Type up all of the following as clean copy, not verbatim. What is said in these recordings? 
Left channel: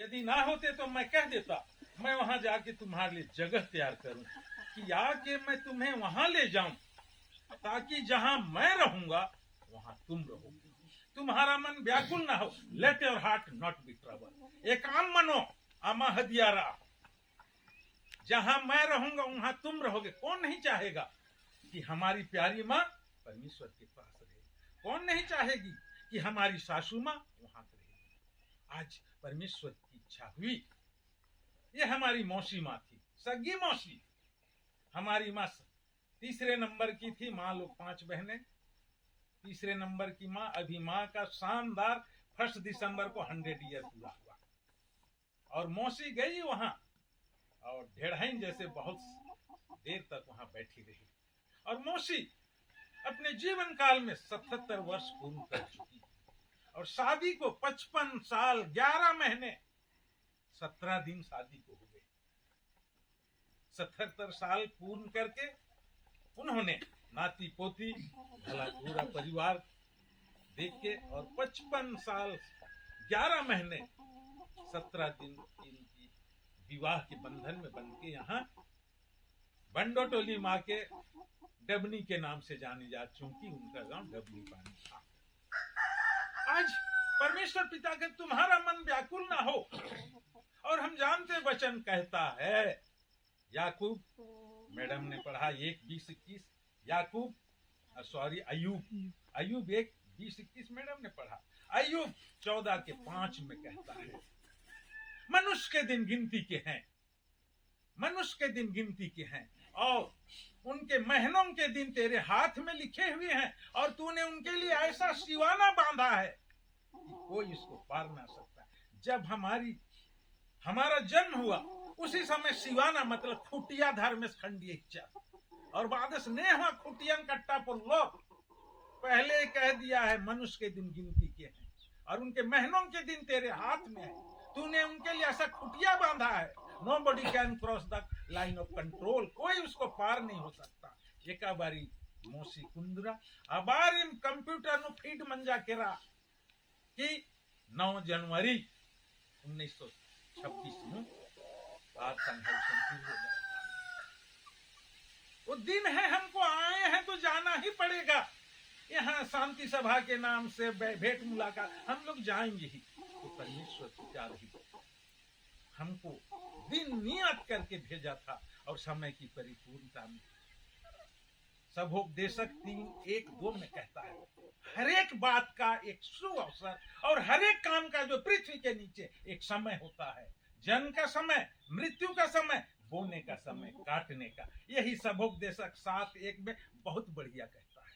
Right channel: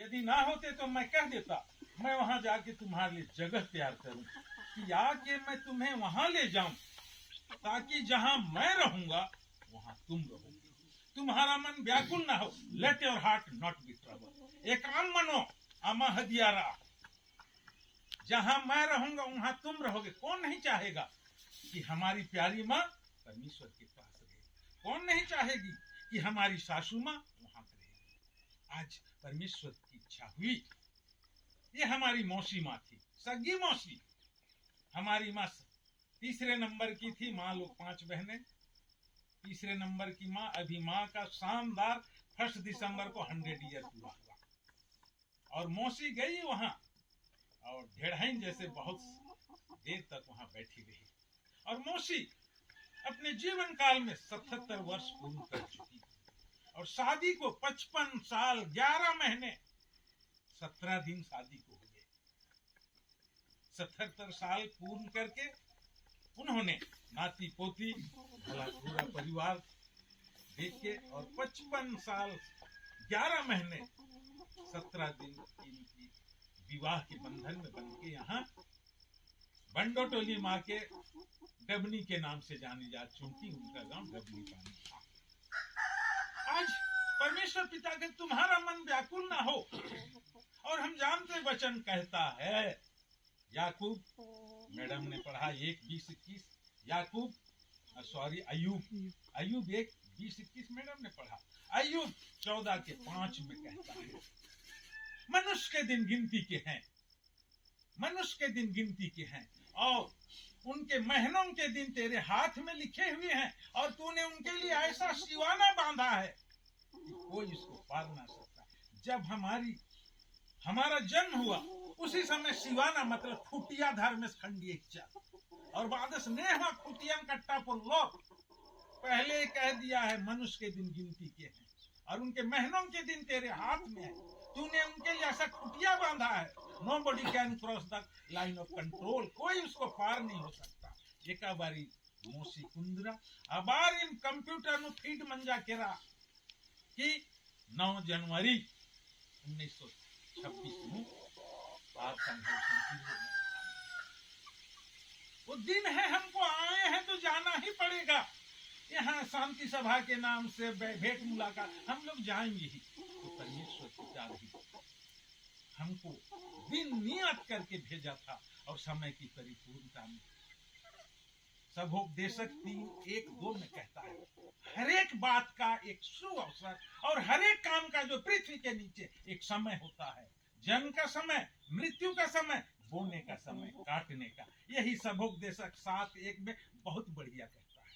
यदि ना होते तो मैं कह देता, मैं वहां जाके तुम्हारे लिए जगह तैयार करूं कि आके मैं तुम्हें वहां ले जाऊं, ताकि जहां मैं रहूंगा वहां तुम रहोगी, तुम्हारा मन व्याकुल ना हो। Let your heart not be trouble. एकाम मनो आमा हदियारा। जहां मैं रहूंगा वहां तुम रहोगे। कौन नहीं चाहेगा कि हमारी प्यारी माँ परमेश्वर के पास रहे? कौन नहीं चाहेगी कि हमारी सासू माँ वहां रहेगी? आज परमेश्वर की इच्छा हुई। ये हमारी मौसी माँ थी, सगी मौसी। हमारी माँ तीसरे नंबर की थी। माँ लोग 5 बहनें, तीसरे नंबर की माँ। अभी माँ का शानदार 1 दिसंबर को 100 ईयर पूरा हुआ और मौसी गई वहां और ढेढ़ाइन जैसे बहुत देर तक वहां बैठी रही। और मौसी अपने जीवन काल में 77 वर्ष पूर्ण कर चुकी और शादी को 55 साल 11 महीने 17 दिन शादी को हो गए। 77 साल पूर्ण करके उन्होंने नाती पोती भला पूरा परिवार देख के और 55 साल 11 महीने 17 दिन इनकी विवाह के बंधन में बन के यहाँ बंडोटोली माँ के डबनी के नाम से जानी जा, चूंकि उनका गांव डबनी पानी था। आज परमेश्वर पिता के तुम्हारा मन व्याकुल ना हो। और हम जानते वचन कहता है, याकूब, मैडम ने पढ़ा 1:20-21, याकूब अयूब 1:20-21 मैडम ने पढ़ा। अयूब 14:5 में कहता है, मनुष्य के दिन गिनती के हैं, मनुष्य के दिन गिनती के हैं और उनके महीनों के दिन तेरे हाथ में लिखे हुए हैं, और तूने उनके लिए ऐसा सिवाना बांधा है कि कोई इसको पार ना सकता। जब हमारा जन्म हुआ उसी समय सिवाना मतलब खुटिया धर्म खंडी इच्छा और बाद स्नेह खुटिया कट्टा पुल्लो। पहले कह दिया है मनुष्य के दिन गिनती के हैं और उनके महीनों के दिन तेरे हाथ में है। तूने उनके लिए ऐसा खुटिया बांधा है, nobody can cross the line of control. कोई उसको पार नहीं हो सकता। एक बारी मोसी कुंदरा अबार इन कंप्यूटर नु फीड मंजा केरा कि 9 जनवरी 1926 में वो दिन है, हमको आए हैं तो जाना ही पड़ेगा। यहाँ शांति सभा के नाम से भेंट मुलाकात हम लोग जाएंगे ही। तो परमेश्वर पिता रही हमको दिन नियत करके भेजा था और समय की परिपूर्णता में सबोपदेशक 3:1-2 में कहता है, हर एक बात का एक शुभ अवसर और हर एक काम का जो पृथ्वी के नीचे एक समय होता है। जन्म का समय, मृत्यु का समय, बोने का समय, काटने का। यही सबोपदेशक 7:1 में बहुत बढ़िया कहता है।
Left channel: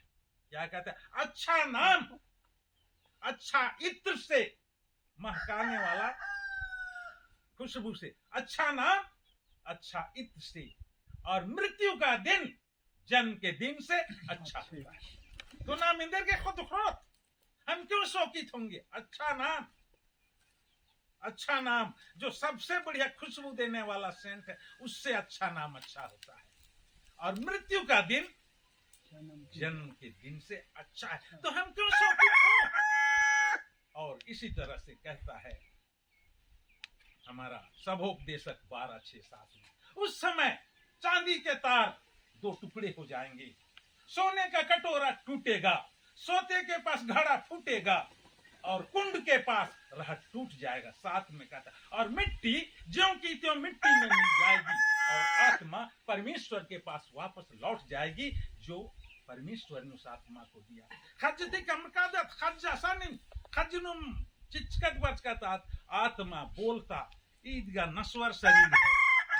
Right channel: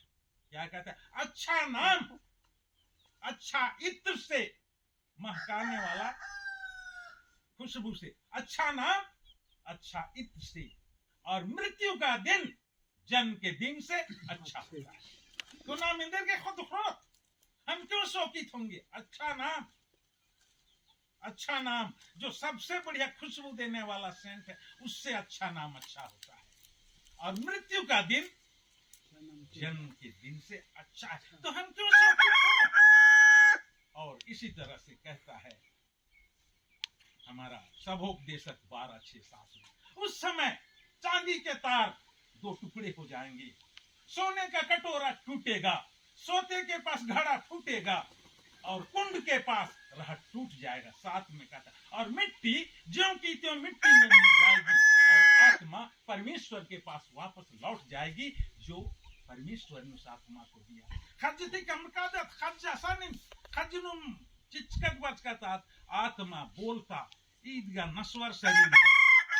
क्या कहता है? अच्छा नाम अच्छा इत्र से महकाने वाला, खुशबू से, अच्छा नाम अच्छा इत्र से, और मृत्यु का दिन जन्म के दिन से अच्छा होता है। तो नाम इंदर के खुद हम क्यों शौकित होंगे? अच्छा नाम जो सबसे बढ़िया खुशबू देने वाला सेंट है, उससे अच्छा नाम अच्छा होता है। और मृत्यु का दिन जन्म के दिन से अच्छा है, तो हम क्यों शौकित हो? और इसी तरह से कहता है हमारा सबोपदेशक 12:6-7 में, उस समय चांदी के तार 2 टुकड़े हो जाएंगे, सोने का कटोरा टूटेगा, सोते के पास घड़ा फूटेगा और कुंड के पास रहट टूट जाएगा। 7 में कहता, और मिट्टी ज्यों की त्यों मिट्टी में मिल जाएगी और आत्मा परमेश्वर के पास वापस लौट जाएगी जो परमेश्वर ने उस आत्मा को दिया। खजती कमकादत खज्जा नहीं खजनुम चिचकत बचकतात, आत्मा बोलता ईदगा नश्वर शरीर है,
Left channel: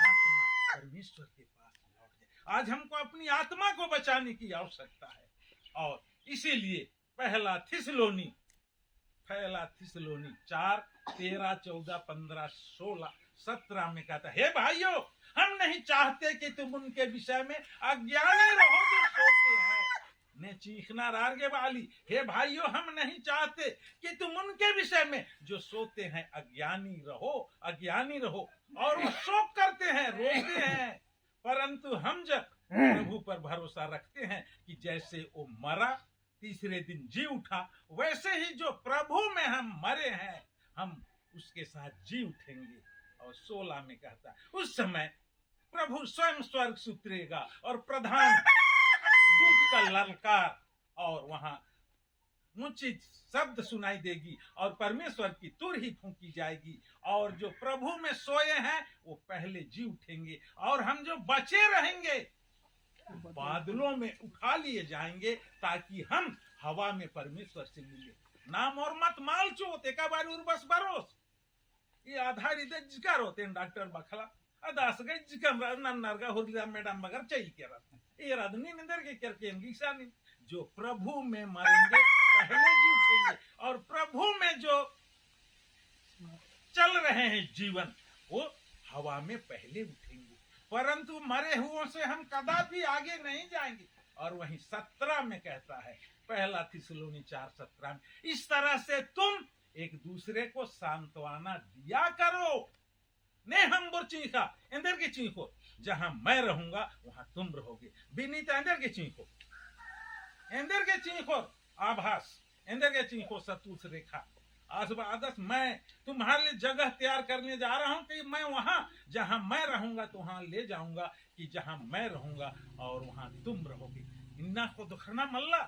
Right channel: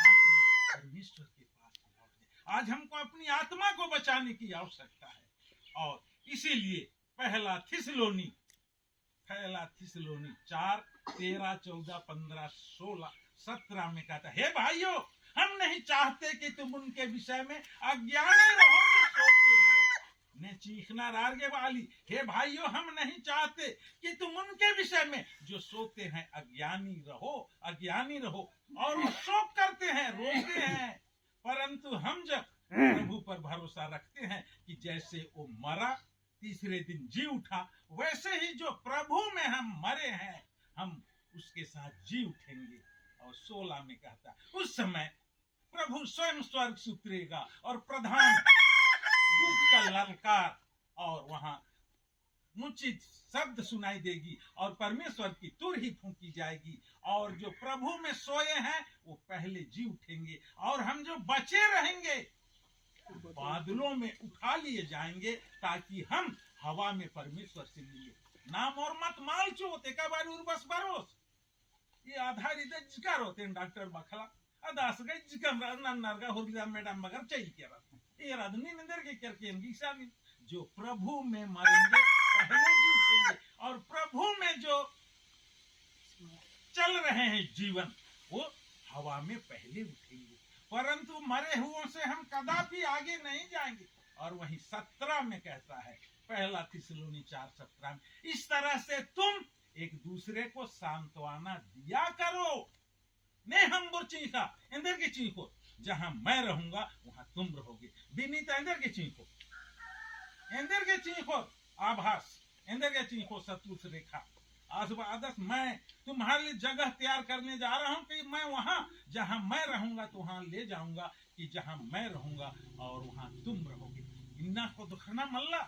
आत्मा परमेश्वर के पास लौट जाए। आज हमको अपनी आत्मा को बचाने की आवश्यकता है और इसीलिए पहला थिस्सलुनी 4, 13, 14, 15, 16, 17 में कहता है, हे भाइयों, हम नहीं चाहते कि तुम उनके विषय में अज्ञानी रहो जो सोते हैं। ने चीखना रारगे वाली, हे भाइयों, हम नहीं चाहते कि तुम उनके विषय में जो सोते हैं अज्ञानी रहो। और वो शोक करते हैं, रोते हैं, परंतु हम जब प्रभु पर भरोसा रखते हैं कि जैसे वो मरा तीसरे दिन जी उठा, वैसे ही जो प्रभु में हम मरे हैं, हम उसके साथ जी उठेंगे। और 16 में कहता है उस समय प्रभु स्वयं स्वर्ग से उतरेगा और प्रधान दूत का ललकार और वहां ऊंची शब्द सुनाई देगी और परमेश्वर की तुर ही फूंकी जाएगी और जो प्रभु में सोए हैं वो पहले जी उठेंगे और हम जो बचे रहेंगे बादलों में उठा लिए जाएंगे ताकि हम हवा में परमेश्वर से मिले। नाम और मत माल चोते का बार उर्बस बरोस ये आधारित जिकर होते हैं डॉक्टर बखला अदास गए जिकम नरगा हुरदा मैडम मगर चाहिए के रहा ये राधनी निंदर के करके निशानी जो प्रभु में मरेंगे पहले जी उठेंगे और प्रभु में जो चल रहे हैं जीवन वो हवा में पहले उठेंगे। परंतु मरे हुओं से हम कदापि आगे नहीं जाएंगे। और वहीं 17 में कहता है पहला थिस्सलुनी 4:17 में इस तरह से तुम एक दूसरे को सांत्वना दिया करो। ने हम बुर चीखा इंदर की चीखो जहां मैं रहूंगा वहां तुम रहोगे। विनीता इंदर की चीखो इंदर के चीखो आभास इंदर के चीखो सतुष रेखा आदर्श मैं तुम्हारे लिए जगह तैयार करने जा रहा हूं कि मैं वहां जहां मैं रहूंगा तो वहां ले जाऊंगा कि जहां मैं रहूंगा और वहां तुम रहोगे। इन्ना को दुखना मल्ला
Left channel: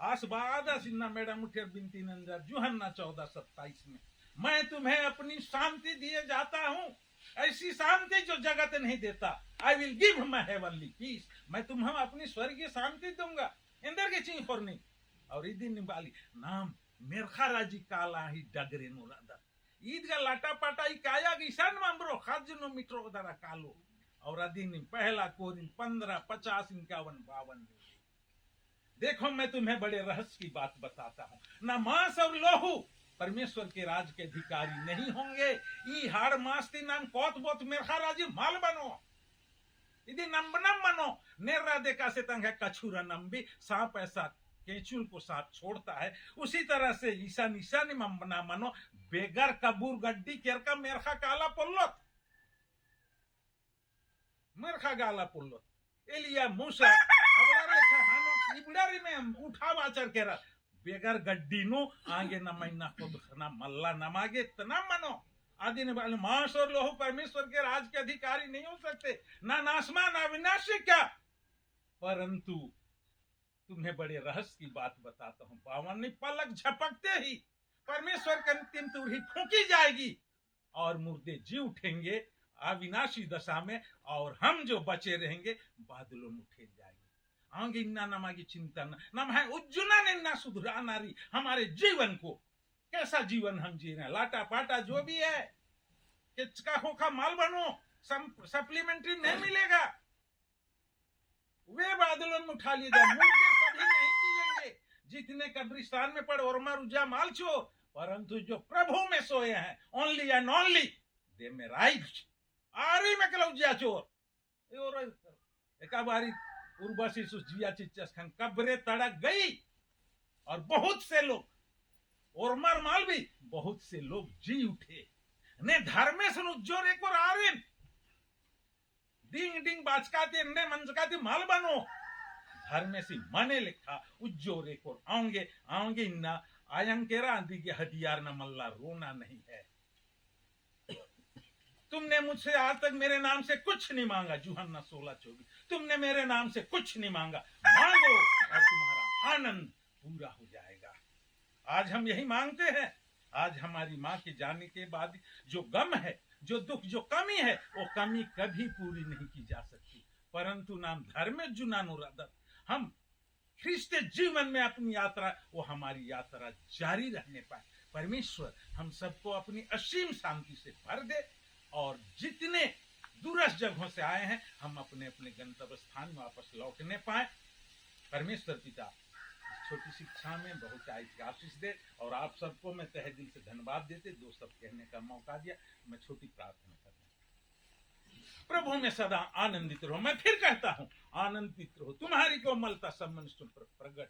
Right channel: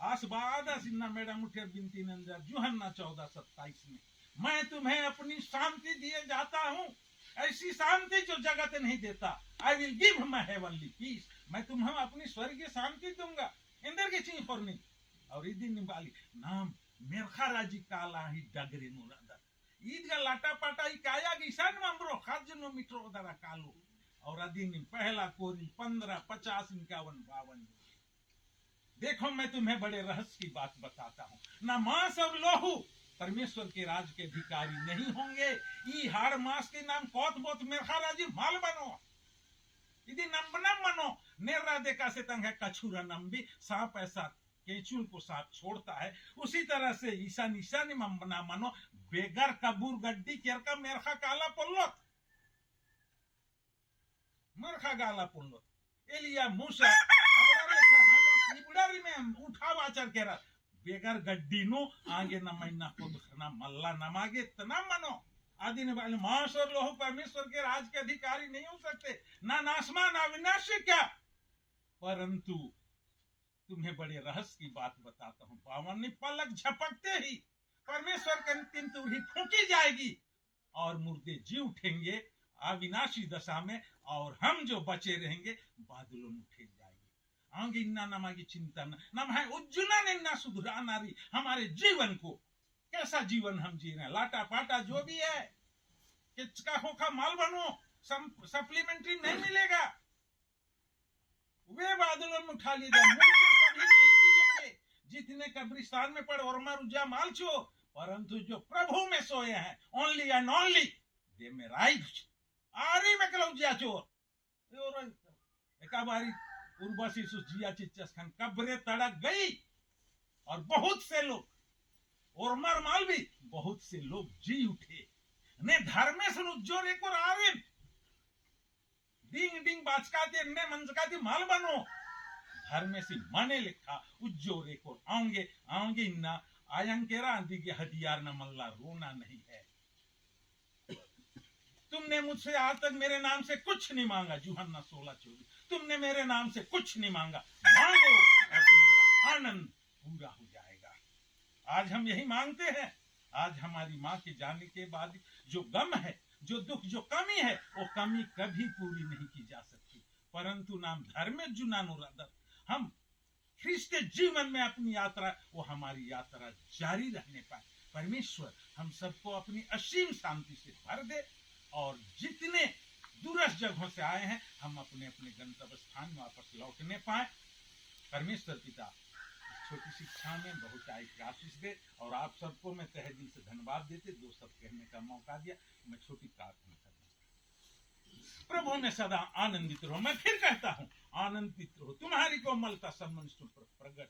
आसबादस इन्ना मैडम उठे बिनती नंदर यूहन्ना 14:27 में मैं तुम्हें अपनी शांति दिए जाता हूं ऐसी शांति जो जगत नहीं देता। I will give my heavenly peace मैं तुम्हें अपनी स्वर्गीय शांति दूंगा। इंदर की चीज पर नहीं और ईदी निबाली नाम मेरखा राजी काला ही डगरे नुरादा ईद का लाटा पाटा ही काया ईशान मामरो खाजनो मित्रो दरा कालो और अधीन पहला कोरिन 15, 50, 51, 52 देखो मैं तुम्हें बड़े रहस्य की बात बताता हूँ न मांस और लोहू परमेश्वर के राज के अधिकारी नहीं होंगे। ई हाड़ मास के नाम कौत बोत मेरखा राजी माल बनो यदि नंबनम मनो नेर्रा देखा से तंग है कछुरा नंबी सांप ऐसा केचुल को साथ छोड़ता है उसी तरह से ईसा निशानी मना मनो बेगर कबूर गड्डी केर का मेरखा काला पुल्लोत मेरखा गाला पुल्लोत एलिया मूसा अबड़ा लेखा हानो इबड़ारी में उठा वाचर केरा बेगर गड्डी नो आगे न महीना को दुखना मल्ला नमागे तना मनो आदि ने बोले मांस और लोह परमेश्वर के राज के अधिकारी नहीं हो सकते ना नासमा ना विनाशी क्या। परंतु तुम्हें बड़े रहस्य की बात बताता हूं पावन ने पलक झपकते ही परमेश्वर की अंतिम तुरही फूंकी जाएगी और मुर्दे जी उठेंगे अविनाशी दशा में और हम जो बचे रहेंगे बादलों में उठे जाएंगे। आगे इन्ना नमागी चिंता नम है उज्जुना ने ना सुधरा नारी हमारे जीवन को कैसा जीवन हम जी रहे हैं लाटा पाटा जो भी है किचका खोखा माल बनो सप्लीमेंट्री नहीं मिलेगा वे बादलों में उठा लिए जाए मुर्दे सभी नहीं जिएंगे जितने कब्रिस्तान में पड़े और मरुजा माल चो परंतु जो प्रभु में सोए हैं ओनली एंड ओनली दे में राइट आरी में कलौजिया चोर एक बारी उर्वशी जिया चिच्चस खान कब्रे तड़क गई और बहुत से लोग और मर माल भी बहुत से लोग जी उठे ने धर्मेशन उज्जोर एक और आरिन डिंग डिंग बाचकाते ने मंचकाते माल बनो धर्मे से मने लिखा उज्जोर एक और आऊंगे आऊंगे इन्ना आयंकेरा आंधी के हथियार न मल्ला रोना नहीं है। तुमने मुझसे आज तक मेरे नाम से कुछ नहीं मांगा यूहन्ना 16:24 तुमने मेरे नाम से कुछ नहीं मांगा मांगो और तुम्हारा आनंद पूरा हो जाएगा। आज हम यही मांगते हैं। आज हमारी माँ के जाने के बाद जो गम है जो दुख जो कमी है वो कमी कभी पूरी नहीं की जा सकती। परंतु नाम धर्म जुनानुरादर हम ख्रिस्त जीवन में अपनी यात्रा वो हमारी यात्रा जारी रहने पाए। परमेश्वर हम सबको अपनी असीम शांति से भर दे और जितने दूरस्थ जगहों से आए हैं हम अपने अपने गंतव्य स्थान में वापस लौटने पाए। परमेश्वर पिता छोटी शिक्षा में बहुत आशीष दे और आप सबको मैं तहे दिल से धन्यवाद देते दो सब कहने का मौका दिया। मैं छोटी प्रार्थना करना प्रभु में सदा आनंदित रहो। मैं फिर कहता हूँ आनंदित रहो तुम्हारी कोमलता सम्मान प्रकट हो।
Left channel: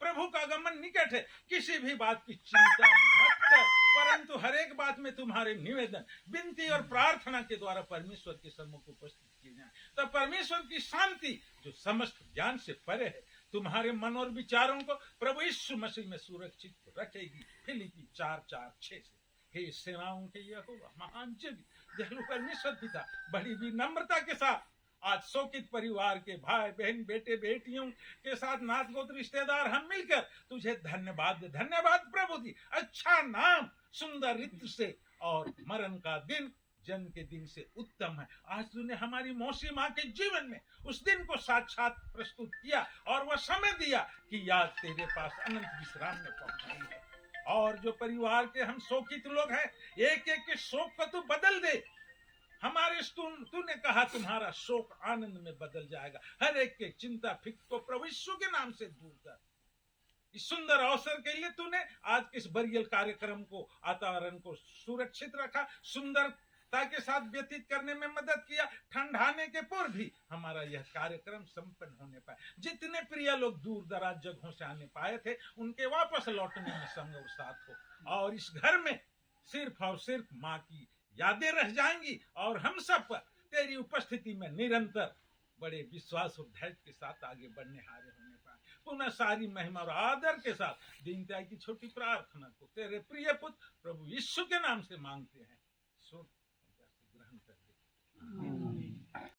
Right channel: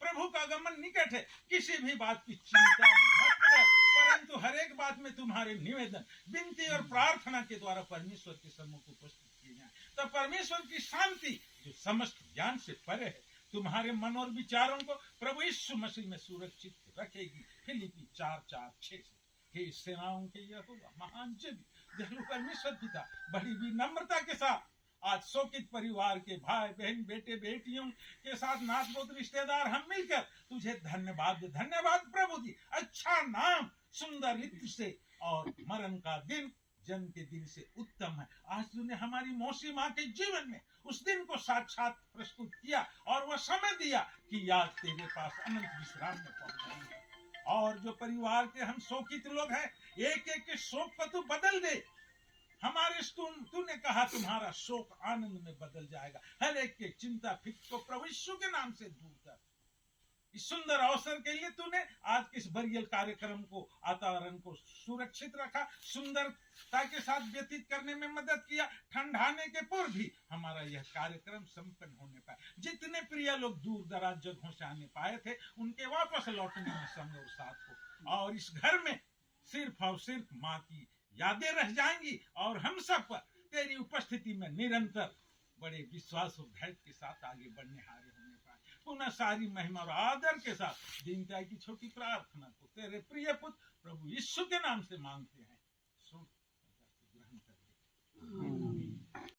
प्रभु का आगमन निकट है किसी भी बात की चिंता मत कर परंतु हर एक बात में तुम्हारे निवेदन विनती और प्रार्थना के द्वारा परमेश्वर के सम्मुख उपस्थित किए जाए तब परमेश्वर की शांति जो समस्त ज्ञान से परे है तुम्हारे मन और विचारों को प्रभु यीशु मसीह में सुरक्षित रखेगी। फिलिप्पी 4:4-6 से हे सेनाओं के यहोवा, महान जग दयालु परमेश्वर पिता, बड़ी विनम्रता के साथ आज शोकित परिवार के भाई बहन बेटे बेटियों के साथ नाथ गोत्र रिश्तेदार हम मिलकर तुझे धन्यवाद प्रभु जी। अच्छा नाम सुंदर ऋतु से और मरण का दिन जन्म के दिन से उत्तम है। आज तूने हमारी मौसी माँ के जीवन में उस दिन को साक्षात प्रस्तुत किया और वह समय दिया कि याद तेरे पास अनंत विश्राम में पहुंचाई है। और जो परिवार के हम शोकित लोग हैं, एक एक के शोक को तू बदल दे। हमारे तूने कहा तुम्हारा शोक आनंद में बदल जाएगा। हर एक के चिंता फिक्र को प्रभु यीशु के नाम से दूर कर। इस सुंदर अवसर के लिए तूने आज इस बरियल कार्यक्रम को, वातावरण को सुरक्षित रखा, सुंदरता के साथ व्यतीत करने में मदद किया। ठंडाने के पूर्व भी हमारा यह कार्यक्रम संपन्न होने पाए। जितने प्रिय लोग दूर दराज जगहों से आने पाए थे, उनके वापस लौटने में संग और साथ हो। और इस घर में सिर्फ और सिर्फ माँ की यादें रह जाएंगी और हम सब पर तेरी उपस्थिति में निरंतर बड़े विश्वास और धैर्य के साथ आगे बढ़ने हारे होने पाए। पुनः सारी महिमा और आदर के साथ दीनता की छोटी प्रार्थना को तेरे प्रिय पुत्र प्रभु यीशु के नाम से मांगते हैं। सुन, ग्रहण कर ले।